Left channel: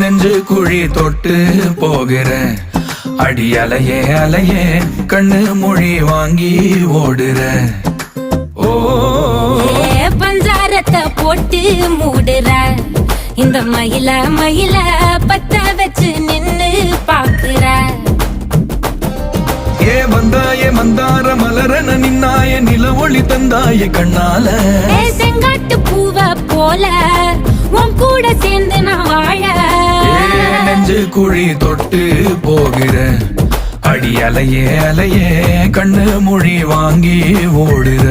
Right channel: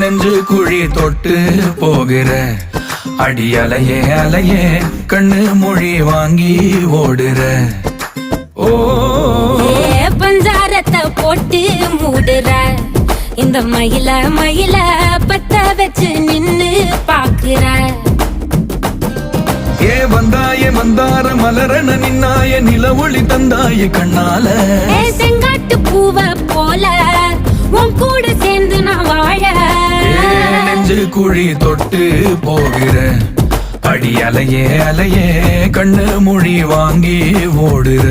நெஞ்சு குழி தொட்டு போகிற அடி அலையே அலையே கண்ணு மொழி வாங்கி ஓடுற. ஓ பஞ்சாரத்தை போட்டு மூடுற இந்த மயில மயில பத்த வச்சு நின்னு பாக்குற. வந்தாய மந்தார மலரன நின்னாய நில ஒளி தந்தாய கண்ணால. செங்காட்டு பூவ போல உன் கூட சேர்ந்து நான் வாழ. நெஞ்சு குழி தொட்டு போகிற அடி அலையே அலையே கண்ணு மொழி வாங்கி ஓடுற.